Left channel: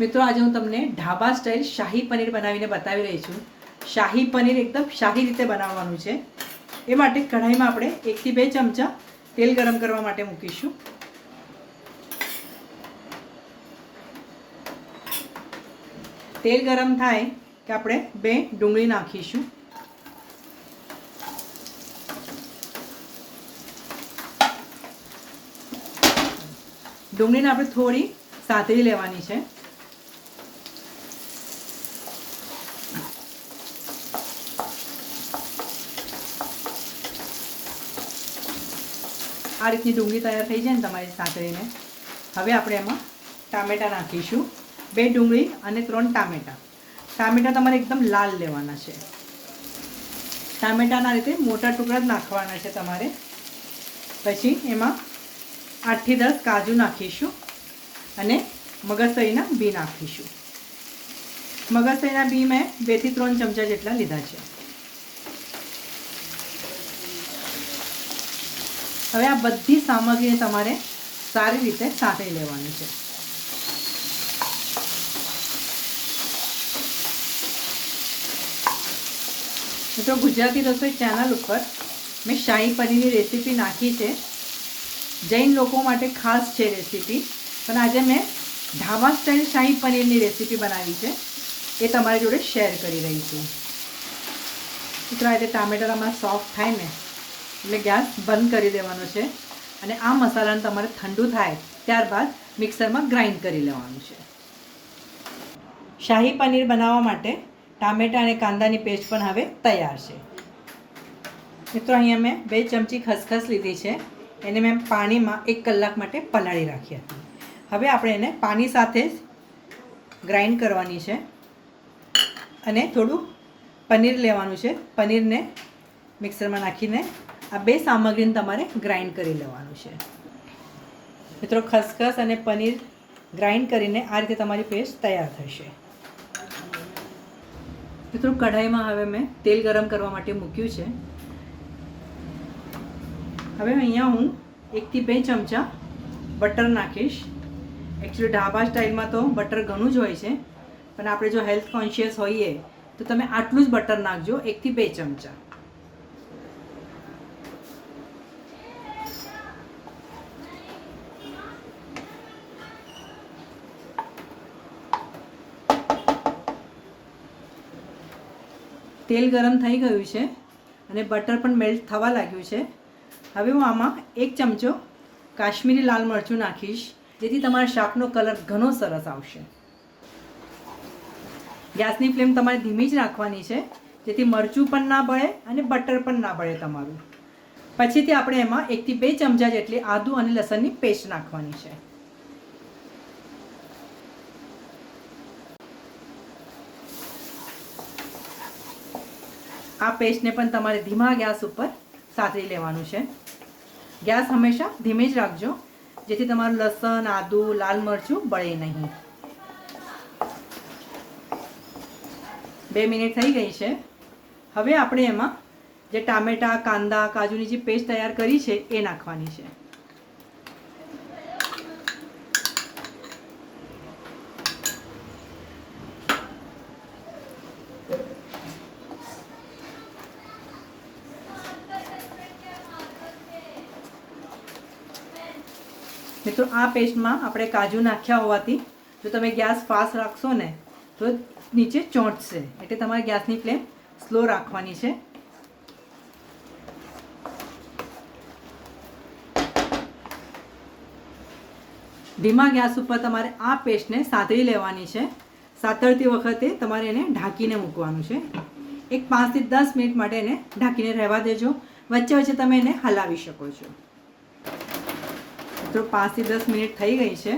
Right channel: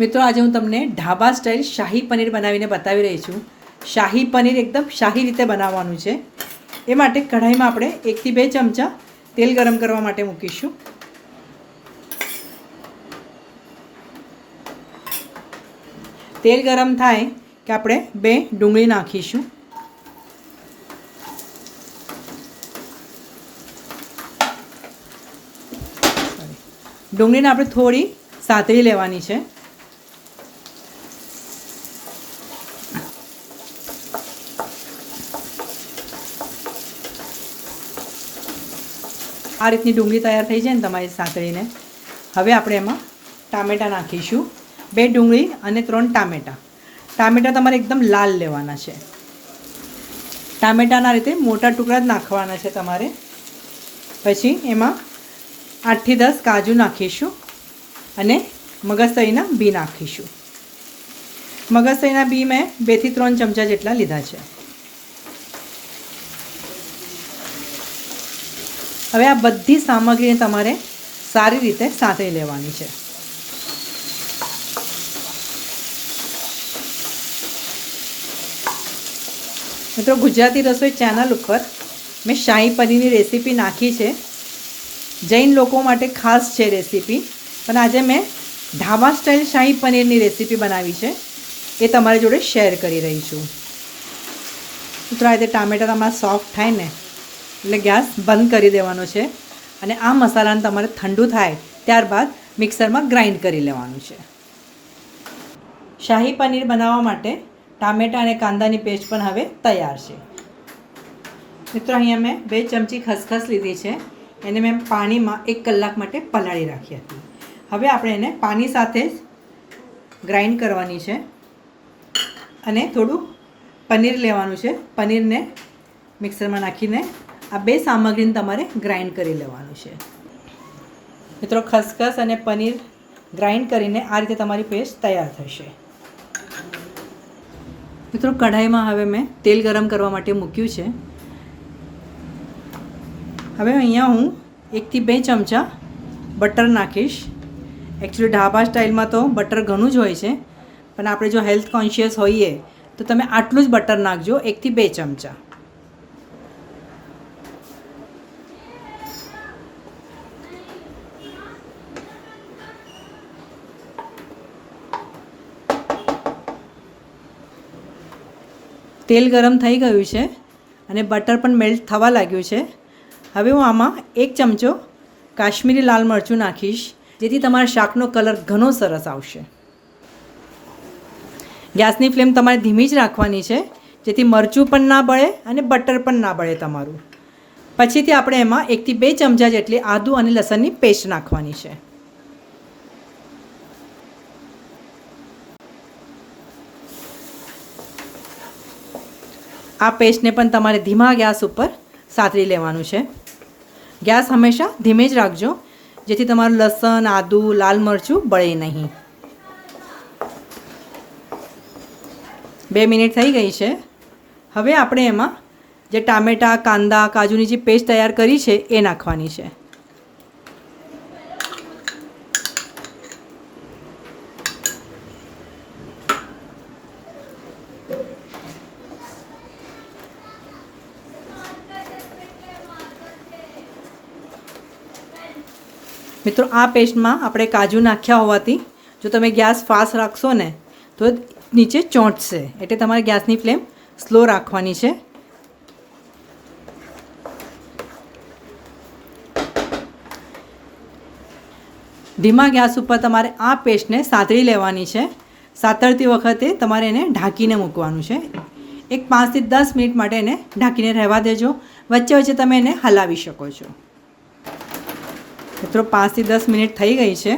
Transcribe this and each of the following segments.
મિત્રો આજે હું તમને ઢાબા સ્ટાઇલ શાહી પનીર બનાવીને બતાવી રહી છું। શાહી પનીર એકદમ શાહી રીતે બનાવવાનું છે। એ માટે કઢાઈમાં આપણે 1 થી 2 ચમચા તેલ ગરમ કરવા માટે મૂકીશું। તેલ ગરમ થાય કે આપણે 2 ડુંગળી નાખીશું। ડુંગળીને આપણે થોડી સાતળી લેવાની છે। આ રીતની ડુંગળી તૈયાર થઈ જાય ને તમારી સાતળીને, હવે આપણે એમાં ટામેટાં નાખીશું। 2 ડુંગળી અને 3 ટામેટાં। ટામેટાં તમારે એકદમ લાલ લેવાના છે। ટામેટાના રીતે મોટા ટુકડા જ નાખવાના છે તમારે। પછી એમાં 8 થી 10 કાજુ નાખીશું અને મગજતરીના બી નાખીશું। મગજતરીના બી મેં 2 થી 3 ચમચા જેટલા લીધા છે। હવે આ બધી સામગ્રીને તમારે સારી રીતે સાંતળી લેવાની છે। મિત્રો, ગુજરાતી રસોઈ ચેનલ ઉપર મેં શાહી પનીરની રેસીપી નાખી છે। જૈન લોકો માટે ખાસ છે રેસીપી, પણ આજે મેં ઢાબા સ્ટાઇલ શાહી પનીરની રેસીપી બનાવી છે, એ તમારી જોડે શેર કરી રહી છું। મિત્રો, આ રીતે ટામેટાં તમારા સોફ્ટ થાય ને એટલે ગેસ બંધ કરી દેવાનો છે અને આ મસાલાને તમારે ઠંડુ થાય ત્યારબાદ મિક્સરમાં ગ્રાઇન્ડ કરી લેવાનું છે। શાહી પનીર બનાવવા માટે ટામેટાં અને કાંદાની પેસ્ટ પણ હવે તૈયાર છે। મિત્રો, અહીંયા મેં 2 ચમચી ખસખસ લીધી છે, એને મેં પાણીમાં 1 કલાક માટે પલાળી રાખી હતી। હવે આપણે એને પાણી સાથે જ ગ્રાઇન્ડ કરવાની છે અને થોડું પનીર લેવાનું છે। પનીરને મિક્સરમાં નાખીને આ 2 સામગ્રીને તમારે ગ્રાઇન્ડ કરી લેવાનું છે। મિત્રો, ખસખસ અને પનીર ગ્રાઇન્ડ કરીને આ રીતે તમારી પેસ્ટ તૈયાર થશે। મિત્રો, કઢાઈમાં હવે મેં તેલ ગરમ કરવા માટે મૂક્યું છે। હવે અહીંયા હું 1 થી 2 ચમચા બટર નાખીશ। એકચ્યુઅલી ઢાબા સ્ટાઇલમાં તો બટર ઘણું જ હોય છે, પણ આપણે જો હેલ્થ કોન્શિયસ હોઈએ તો તમે આટલું જ બટર નાખજો, 1 થી 2 ચમચા। તેલ ગરમ થઈ ગયું છે અને બટર પણ મેલ્ટ થવા લાગ્યું છે। હવે હું આમાં 1 ચમચો કાશ્મીરી લાલ મરચું નાખીશ, જેથી તમારા શાકનો કલર ઘણો સરસ આવશે। ગેસની ફ્લેમ તમારે ધીમી જ રાખવાની છે, જેથી મરચું પણ ના બળે અને બટર પણ ના બળે તમારું। પછીથી આપણે એમાં 1 થી 2 ચમચા જેટલી આદું અને લસણની પેસ્ટ નાખવાની છે। આ પેસ્ટને પણ તમારે ધીમા ગેસ ઉપર સાતળી લેવાનું છે। ગેસ હંમેશા ધીમે જ રાખજો, જેથી તમારું લસણ, આદું, લાલ મરચું બળે નહીં। 2 મિનિટ થઈ ગઈ છે। હવે આપણે એમાં જે ટામેટાં, કાંદા, કાજુની જે પેસ્ટ તૈયાર કરી છે એ નાખવાની છે। મિત્રો, આ પેસ્ટમાં આપણે કાજુ નાખ્યા હોવાથી જો તમે ગેસ ફાસ્ટ રાખશો ને તો નીચે ચોંટશે, એટલે તમારે ગેસની ફ્લેમ સ્લો રાખવાની છે। ધીમા ગેસ ઉપર તમારે આ પેસ્ટને સાતળી લેવાની છે। સાતળતી વખતે તમારે એને ઢાંકીને મૂકવાનું છે। એક 5 થી 10 મિનિટ માટે એને ઢાંકીને રહેવા દેજો, વચ્ચે વચ્ચે તમે એને હલાવી શકો છો। મિત્રો, 5 થી 10 મિનિટ થઈ ગઈ છે।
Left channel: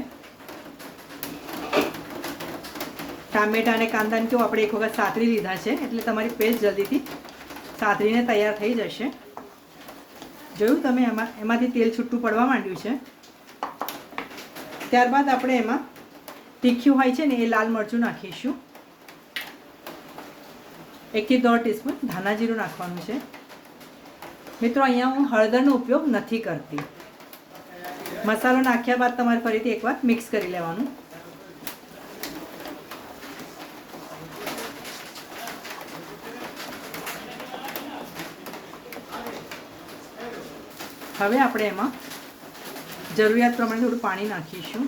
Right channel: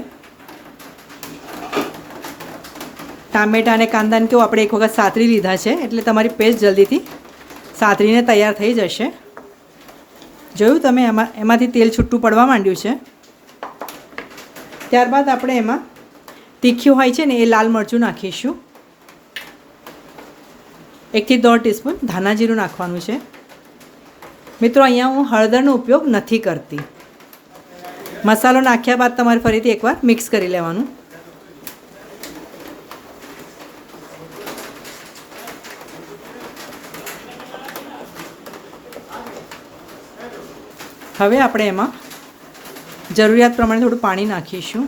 ટામેટાં અને કાંદાને તો આપણે એક વખત સાતળી લીધા છે, એટલે તમારી પેસ્ટ જલ્દીથી સાતળીને તૈયાર થઈ જશે। જોયું તમે, એમાંથી તેલ છૂટું પડવા માંડ્યું છે। ત્યારબાદ આપણે એમાં તીખ્યું હોય છે ને એ લાલ મરચું નાખીશું। 1 થી 1.5 ટીસ્પૂન ધાણા જીરું નાખવાનું છે। મિત્રો, અહીંયા હું હળદરનો ઉપયોગ નથી કરતી। મસાલો નાખ્યા બાદ તમારે ફરીથી એકવાર મિક્સ કરી લેવાનું। હવે આપણે એમાં જરૂરિયાત પ્રમાણે થોડું પાણી નાખીશું.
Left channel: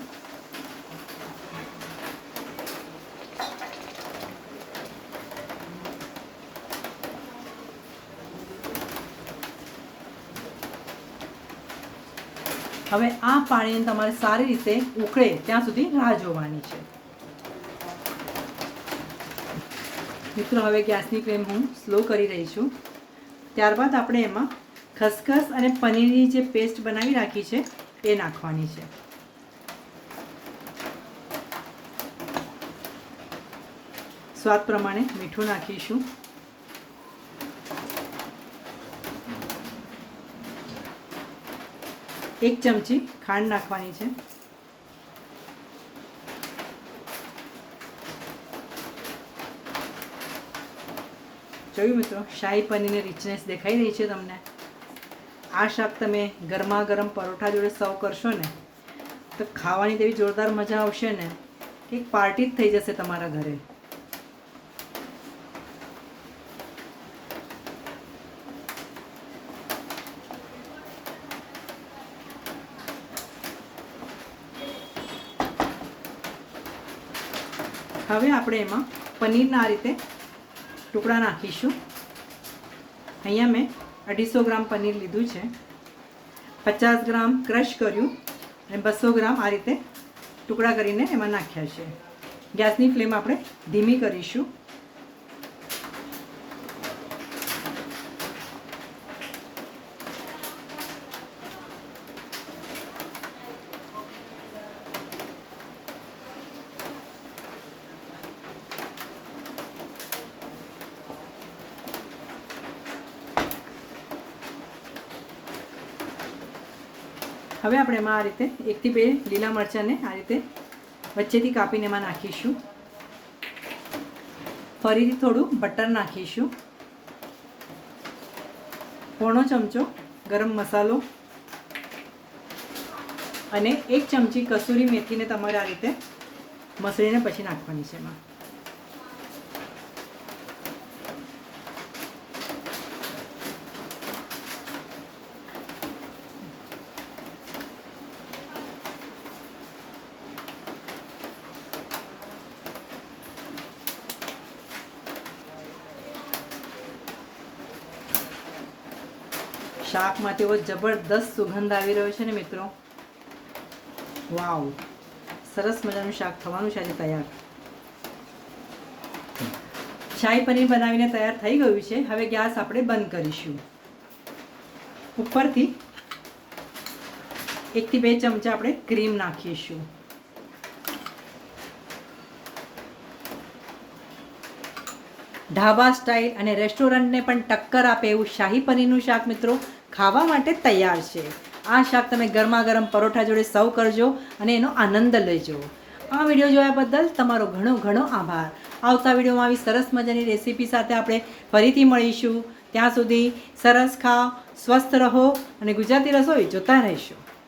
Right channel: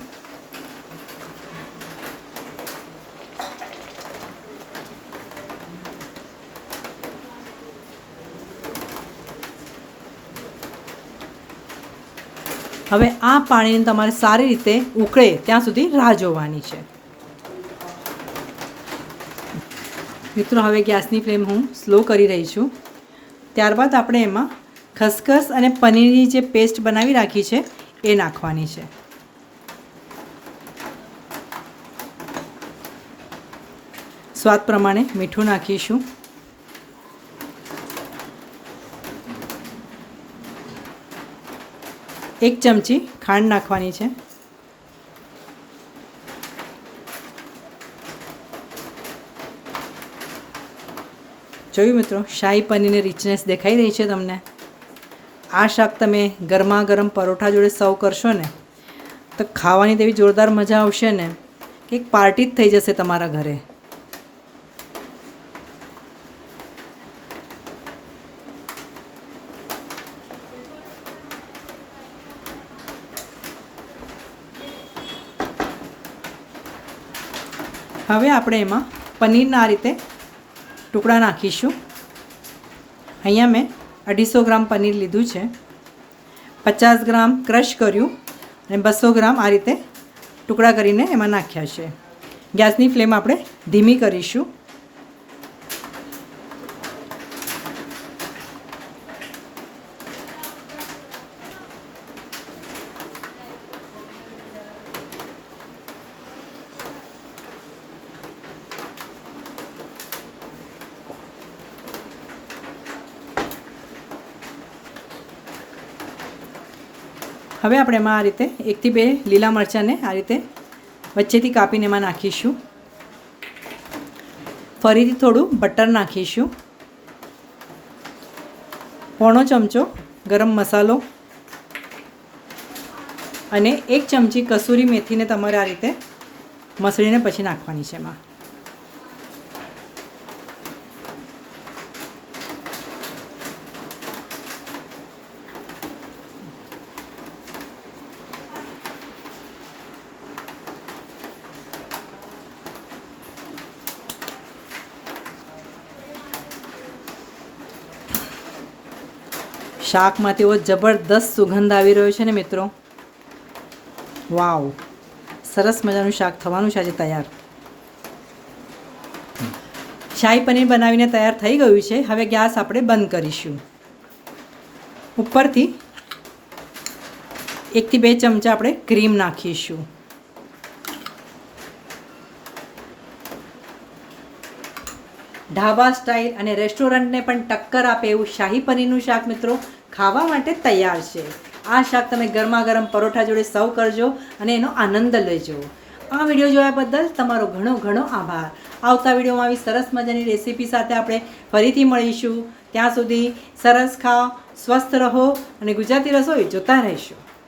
હવે આ પાણીને તમારે સારી રીતે ઉકળે ત્યાં સુધી રાહ જોવાની છે. મિત્રો હવે ગેસની ફ્લેમ હું સ્લો કરી રહી છું. ત્યારબાદ આપણે એમાં ખસખસ અને પનીરની જે પેસ્ટ બનાવી રાખી છે એ નાખવાની છે. સ્વાદ પ્રમાણે મીઠું નાખીશું. એક ચમચી ખાંડ નાખવાની છે. જોયું મિત્રો, શાહી પનીરની રિચનેસ દેખાઈ રહી છે તમને. આ શાક તમે ગરમા ગરમ પરોઠા જોડે સર્વ કરશો ને તો ખાવાની તેવી જોરદાર મજા આવશે ને કે એક પાર્ટી જ થઈ જશે તમારા ઘરે. હવે આપણે એમાં પનીરના આ રીતે ટુકડા નાખીશું. અહીંયા મેં 250 ગ્રામ પનીર લીધું છે. 50 ગ્રામ ક્રશ કર્યું અને 200 ગ્રામ આ રીતે ટુકડા કરીને એમાં નાખ્યા છે. ગેસની ફ્લેમ આપણે ધીમી કરીશું. હવે આપણે એમાં આ રીતે 1 થી 2 લીલા મરચાંને આ રીતે વચ્ચેથી કાપીને એમાં નાખીશું. ફરીથી થોડું બટર નાખીશું. પોણો ચમચો ગરમ મસાલો અને 1 ચમચી કસૂરી મેથીને તમારે આ રીતે મસળીને પછી નાખવાની છે એમાં. શાકમાંથી એવો જબરદસ્ત સુગંધ આવી રહ્યો છે ને મિત્રો. વાવ, સરસ મજાનું શાક થવાનું છે આજે તૈયાર. શાહી પનીર બનાવીને તૈયાર થઈ ગયું છે. હવે ગેસ આપણે બંધ કરીશું. ઉપરથી 1 થી 2 ચમચા આપણે ક્રીમ નાખીશું. ઢાબા સ્ટાઇલ અને રેસ્ટોરન્ટને પણ ટક્કર આપે એવું શાહી પનીરનું શાક મિત્રો ખાવા માટે તૈયાર છે. આ શાક તમે ગરમા ગરમ પરોઠા જોડે સર્વ કરજો અને એનો આનંદ લેજો. આ વિડીયો જોયા બદલ તમારો ઘણો ઘણો આભાર. આવતા વિડીયોમાં આવી સરસ મજાની રેસીપી સાથે આપણે ફરીથી મળીશું. ત્યાં સુધી સરસ ખાઓ, સ્વસ્થ રહો અને ગુજરાતી રસોઈ જોતા રહેશો.